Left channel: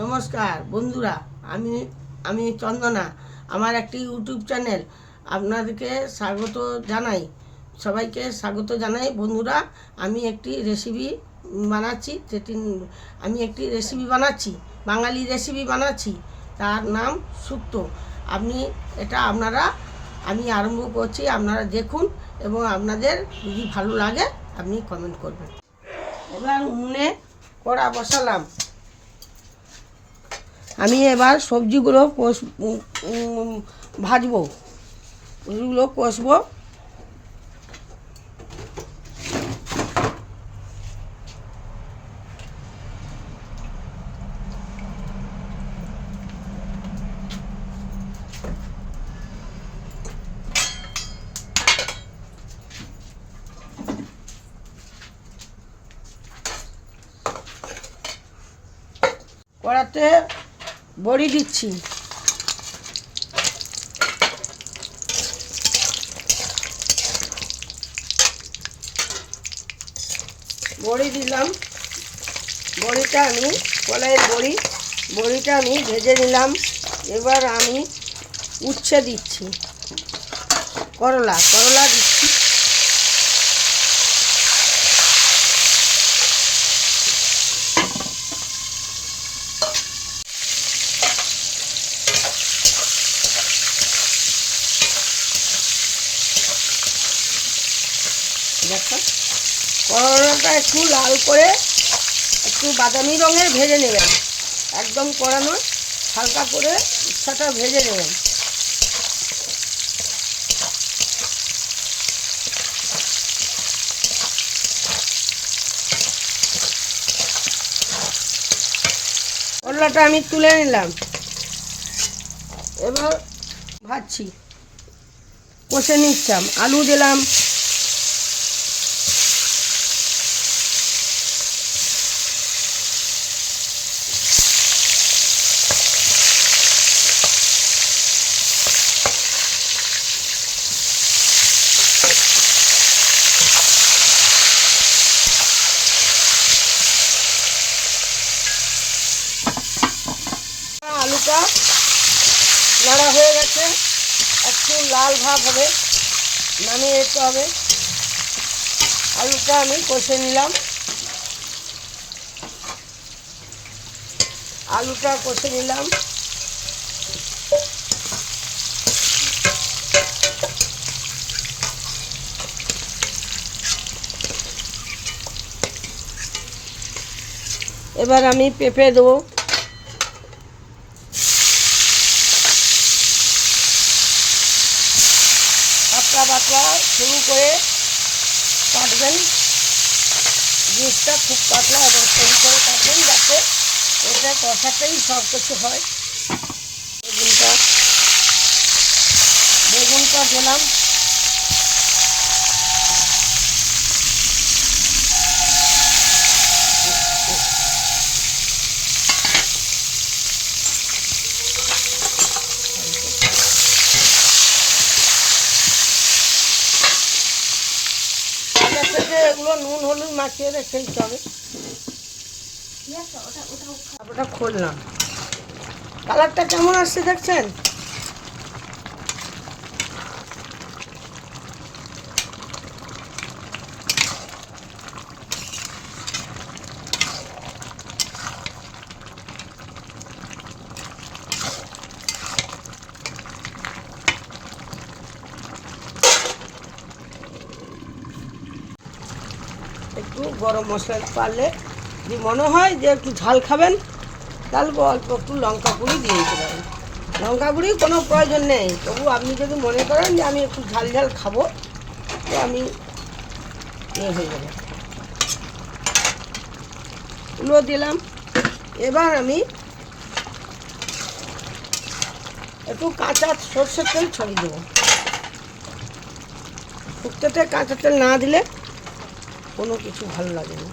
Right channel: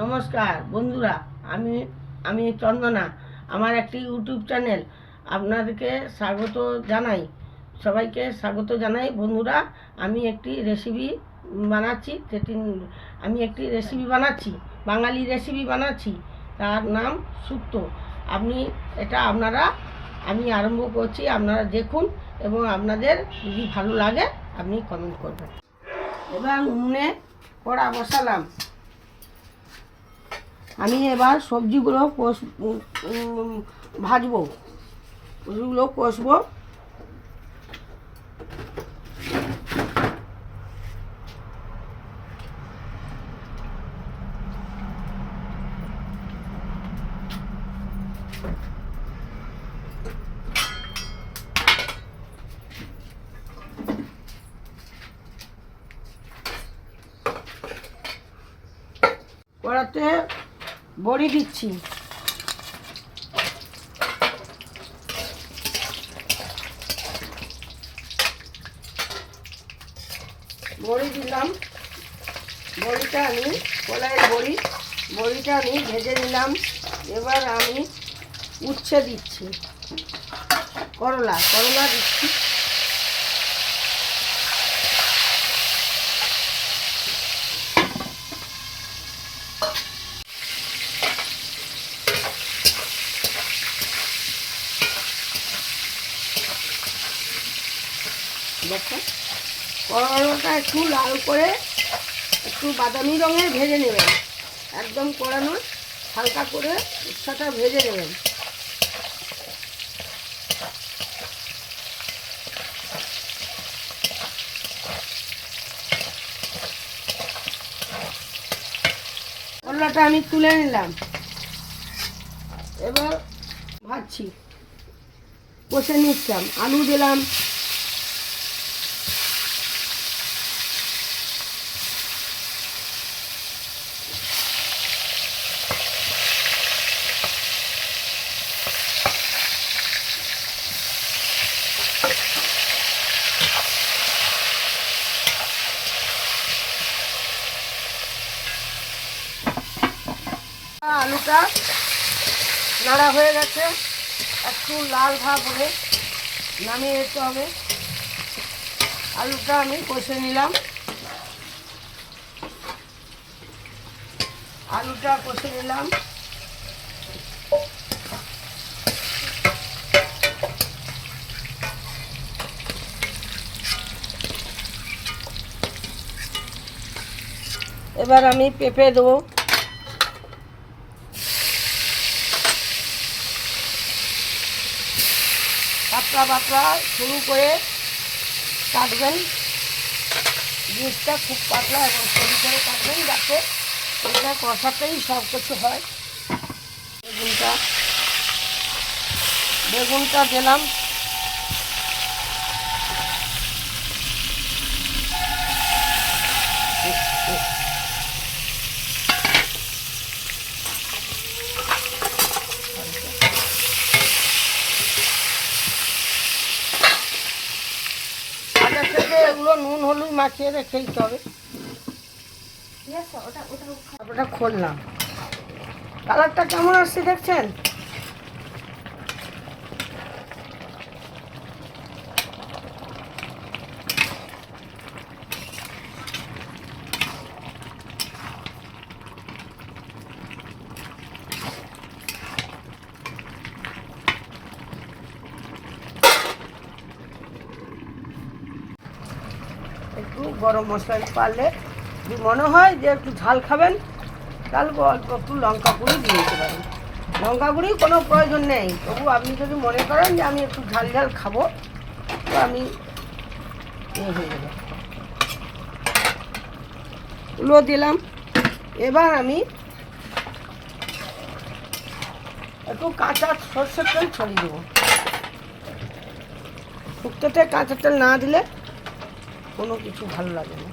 নমস্কার বন্ধুরা, আমি আমি চন্দনা। আমার একটি ইউটিউব চ্যানেল, আপনাদেরকে স্বাগত জানাই। সবাইকে স্বাগত জানাই বন্ধুরা। আমি একটি রেসিপি বানাচ্ছি, বাঙালি রেসিপি বানাচ্ছি, তার নাম শুক্তো। আমি আরম্ভ করছি, আপনারা দেখুন এবং আপনাদের যদি ভালো লাগে আপনি কমেন্ট করবেন। এবার উনুনে কড়া বসালাম। আমি এবার সবজিগুলো ভাজবো, সবজিগুলো কষবো। কড়াতে বড়ি দিচ্ছি, বড়ি দিলাম। বড়িটা আমি কলাইয়ের বড়িটা আমি ভেজে নিলাম। এবার আমি উচ্ছে দিচ্ছি, করলা দিচ্ছি। দেখো, করলাটা একটু লাল করে একটু বাদামি রঙের ভেজে নেবেন, একদম কড়ানো, হালকা করে উচ্ছেটা ভেজে নেবেন। করলাটা আমি তুলে নিলাম, এবার ভাজছি, কষে নিচ্ছিলাম। আলু দিলাম, আলুটা নাড়া হয়ে গেছে, একটু লাল ভাব হবে, নামিয়ে দিতে হবে। আলুটা আমি কষে নিলাম, এবার আমি পেঁপে দেবো। পাতলা শুরু করে কাটবেন, জিনিসটা খুব পাতলা এবং শুরু করে কাটবেন, যাতে এটা কষাতেই সব কিছু হয়। বেগুনটা দিলাম, এগুলো নুন হলুদ মাখিয়ে রেখে দিতে হবে। ওটা খুললাম, কালারটা কেমন আসছে দেখছেন? একটু গরম মশলা পারলে, যদি মনে হয় যে একটু ঝাল খাবেন, তাহলে অল্প একটু লঙ্কা গুঁড়ি দিয়ে দিতে পারেন। লঙ্কা গুঁড়ি কোনো প্রয়োজন নেই, তবু আপনি যদি মনে করেন যে আমি একটু ঝাল খাবো, তো আমি হয়ে যাবে। এগুলো দিলাম। এবার আমি একটু কাঁচা সরষের তেল ছড়িয়ে দেবো। শুক্তোতে কাঁচা তেল না দিলে কোনো কিছু ভালো লাগে না।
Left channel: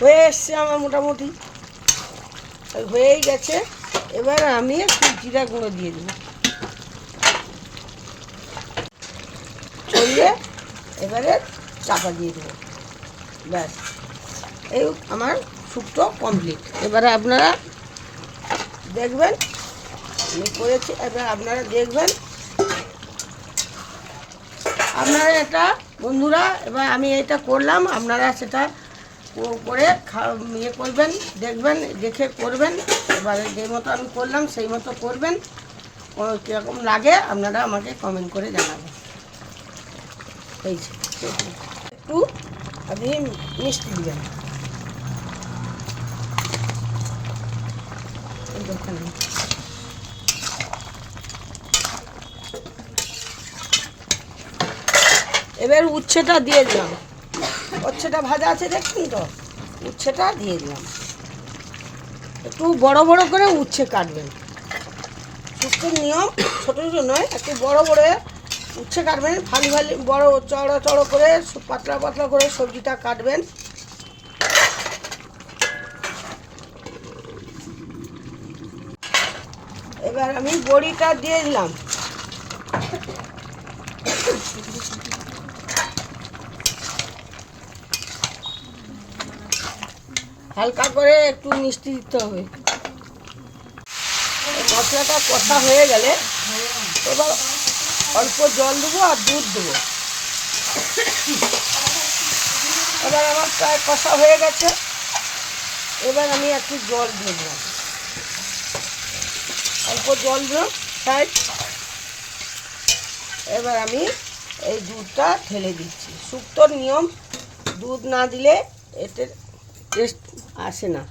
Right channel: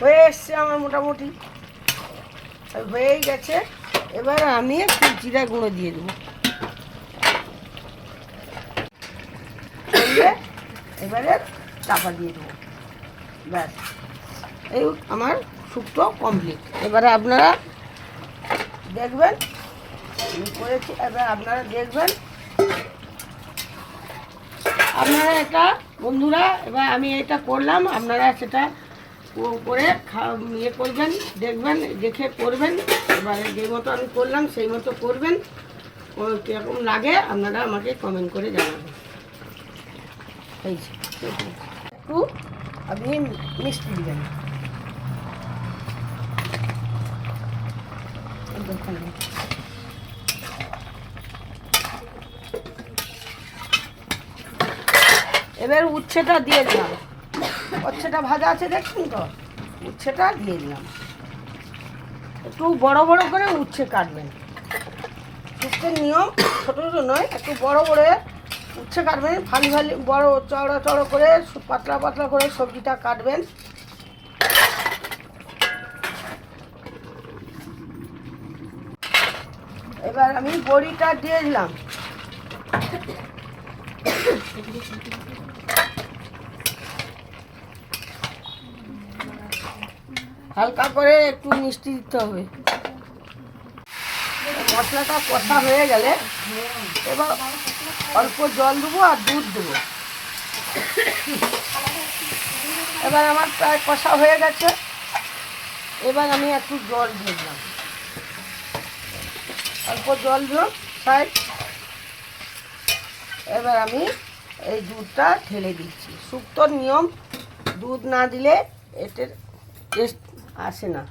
হয়ে এসছে আমার মোটামুটি, হয়েই গেছে। এবার আমি একটু জিরা গুঁড়ো দিয়ে দেবো। দিয়ে এবারে চাপা দিয়ে দেবো। ব্যাস, এই আমার শুক্তো কমপ্লিট। এবারে আপনারা দেখবেন আমি করেছি, এবার আপনারা দেখবেন। আপনারা এটা বন্ধুরা, এবার আমি এটা করলাম, আপনারা সেটা করে ইয়ে করবেন, দেখবেন, দেখে করবেন। এবারে যে মতো আমি করলাম সেই মতো করবেন। কীরকম লাগে আপনারা আমাকে কমেন্ট করে জানাবেন। এই যে একটু আপনি মিষ্টি দেবেন। এবার উচ্ছেটা দিয়ে দিলাম। উচ্ছেটা ভাজা আছে দেখছেন তো, উচ্ছেটা দিয়ে দিলাম। একটু বড় বড় করে উচ্ছে কাটবেন। শুক্তোর নিয়ম ছোটো ছোটো নয়, একটু বড় বড় উচ্ছে কাটবেন। ফালি ফালি বড় চড়ো চড়ো করে পাতলা পাতলা করে সবজিটা কাটবেন। এবার আমি বড়িটা দিয়ে দিলাম। হালকা করে একটু মিষ্টি দিতে হবে। মশলাটা কষা হয়ে গেলে এবার অল্প জল দেবো আর দুধ দেবো। এবার আমার প্রায় কষা হয়ে গেছে। এবার আমি একটু জল দিয়ে দিলাম, অল্প জল দিও সাইড। এবার আমি এই দুধটা ঢেলে দিচ্ছি। শুক্তোর নিয়ম, দুধ না দিলে এতে টেস্ট আসে না।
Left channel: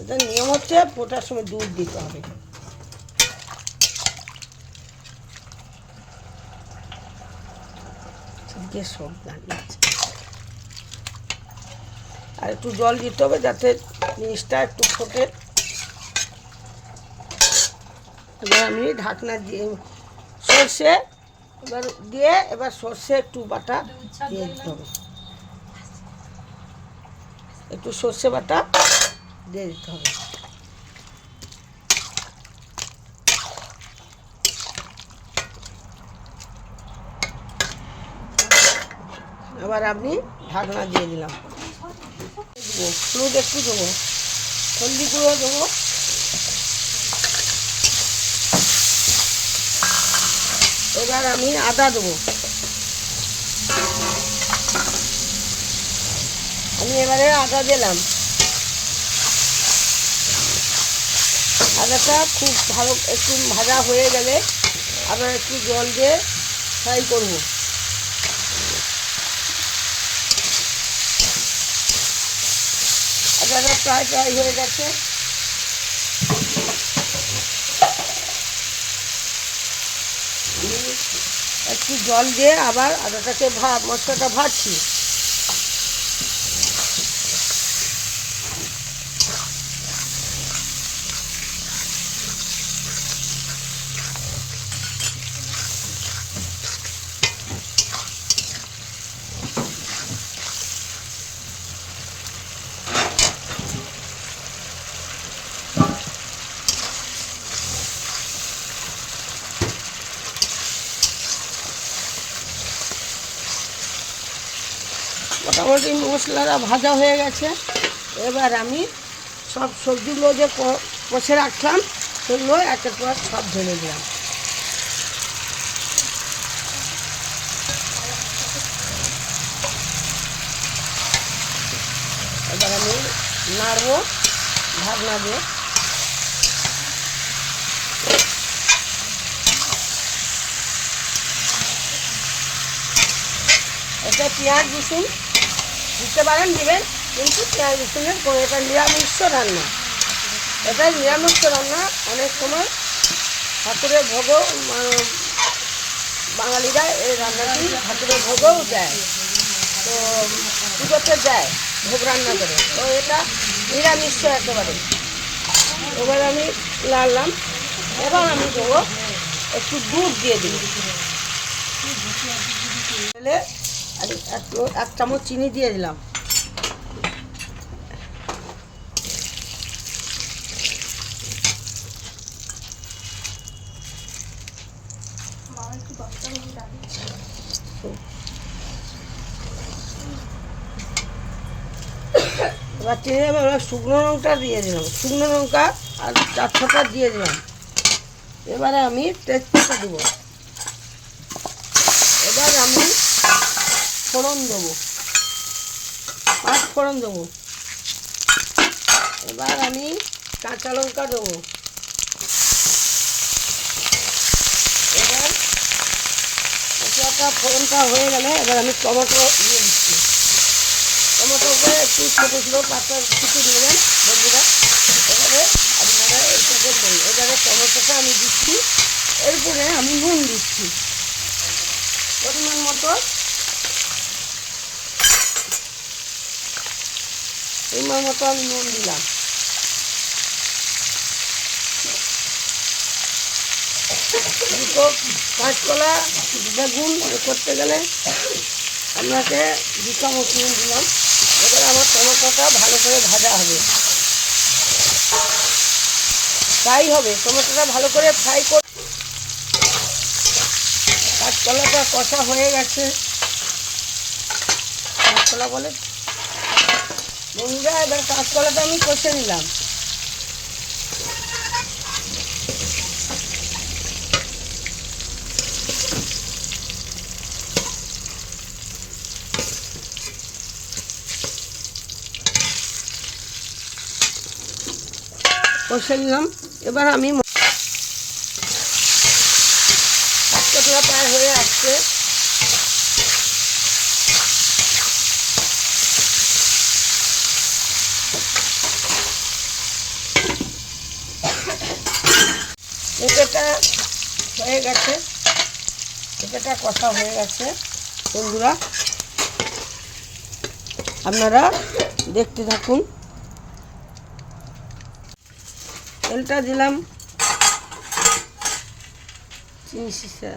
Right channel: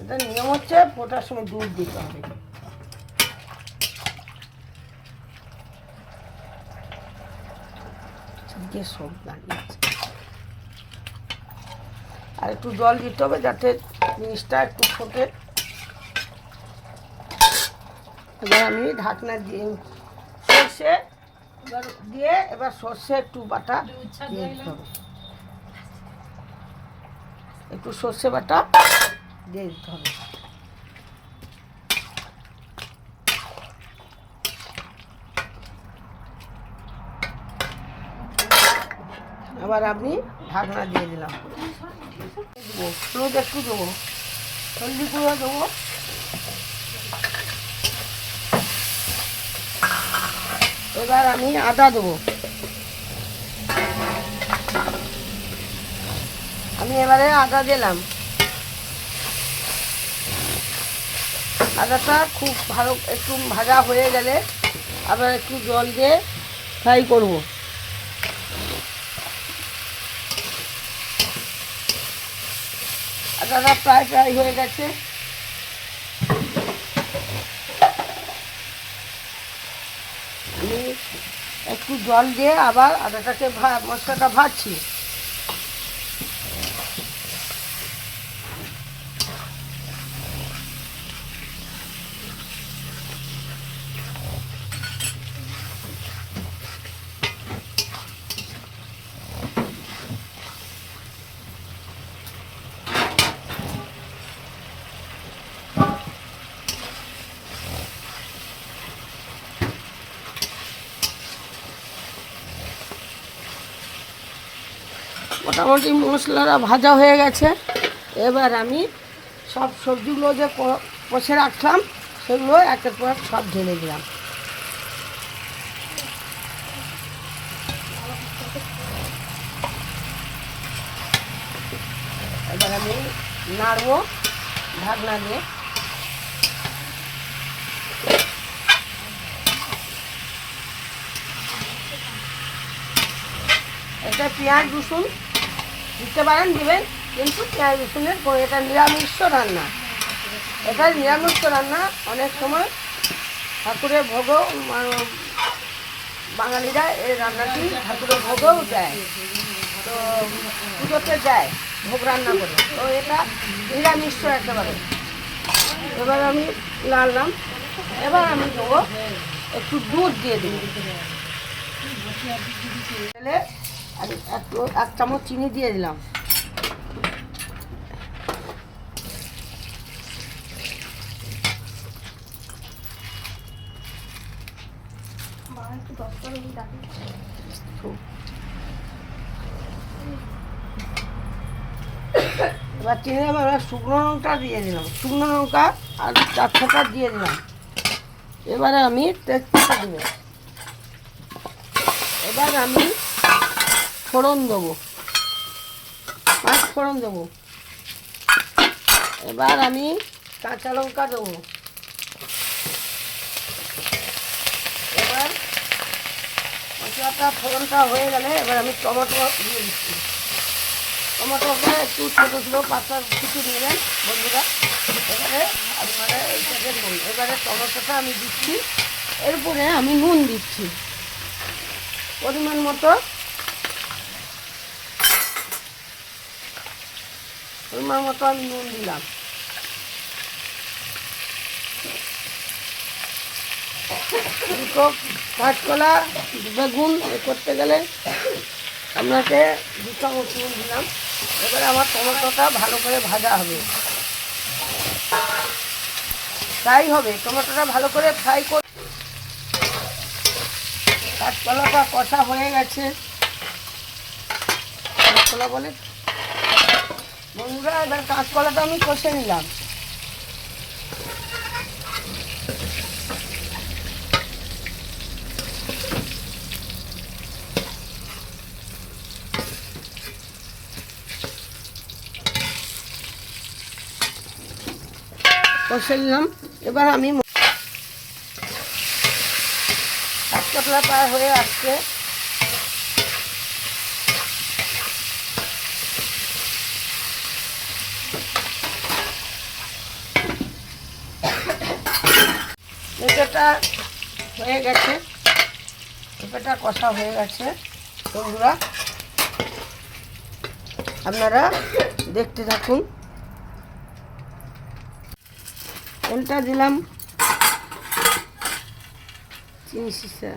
এটা নিয়ম হচ্ছে ফোটার সময় দুধ দিতে হবে। সব লাগিয়েছে, আর একটু জল দিতে হবে যাতে জিনিসটা একটু ফোটে। এবার আমি ঢাকনা দিয়ে সর্ষে এবার দিয়ে, এবার সর্ষে একটু বাটা দিয়ে দিতে হবে। একটু সর্ষে বাটা দিয়ে দিতে হবে। এবার আমি ঢাকনা দিয়ে দিলাম। দেবো হলুদ একটু দেবো, হলদি গুঁড়ো দেবো, এবার আমি আদা দেবো। আমি এবারে আদা দিলাম। আদাটা খুব ভালো একটু ভাজা হয়ে গেলে আবার একটু জল দিয়ে ফ্রাই করবো। আদাটা প্রায় ফ্রাই হয়ে গেছে। আমি একটু জল দিয়ে আবার আদাটাকে মশলাটা ভাজছি। মোটামুটি মশলাটা ভাজা হয়ে গেছে। এবার আমি সব সবজিগুলো যে কষে রাখলাম সেগুলো একের পর সব ঢেলে দিলাম। এবার আমি নাড়বো ঢাকনা দিয়ে। এটা পেঁয়াজ রসুন দিতে পারেন, দিবেন, কিন্তু পেঁয়াজ রসুনের এটা নিরামিষ রান্না। এটা নিরামিষ রান্না। অনেক সময় ঠাকুরের ভোগও বাঙালিরা এই রান্নাটি ঠাকুরের ভোগও দেয়, তো পুজোতে দেয় ভোগ রান্না করে, তো এটা নিরামিষ একেবারে। এবার আমি লাড়লাম। এবার আমি দেবো একটু দুধ দিয়ে দেবো। আর এক চামচ চিনি দিয়ে দিলাম। খুব। এবার টেনে এবার শুকনো লঙ্কা দিয়ে দিলাম, শুকনো লঙ্কা আর 4-6টা দিয়ে দিলাম। এবারে আমি তেজপাতা দেবো। এবার আমি ফোড়ন দেবো, 5 ফোড়ন দেবো। এবার আমি কাঁচা লঙ্কা দেবো। এবার মশলাটা ফোড়নটা হয়ে গেলে এবার আমি টমেটো দিয়ে দিচ্ছি। টমেটোটা একটু ছোটো ছোটো পাতা কিছু নেবেন বন্ধুরা। এবারে আপনারা এইটা দেখবেন। এবারে টমেটোটা আমি দিচ্ছি, এরপরে আমি নুন দিচ্ছি পরিমাণ মতো। আমি নুন দিলাম। দুটো কাঁচকলা বেগুন করতে গেলে আপনাকে 2 চামচ নুন দিলাম। এবারে আমার টমেটোটা ভালো করে ভাজা হবে, ফ্রাই হবে। টমেটোটা ভালো করে ফ্রাই করে কাঁচকলাটা কষা হয়ে গেছে। কাঁচকলা বলে বন্ধুরা, এবার কাঁচকলাটা আমি কষে নিলাম। কষে নিলাম। এবার আমি কাঁচকলা প্রায় হয়ে আসছে। পেঁপেটা হয়ে গেছে, পেঁপেটা কষা হয়ে গেছে বন্ধুরা, আপনারা দেখতে থাকুন। তেলটা দিলাম, চিনি শিশা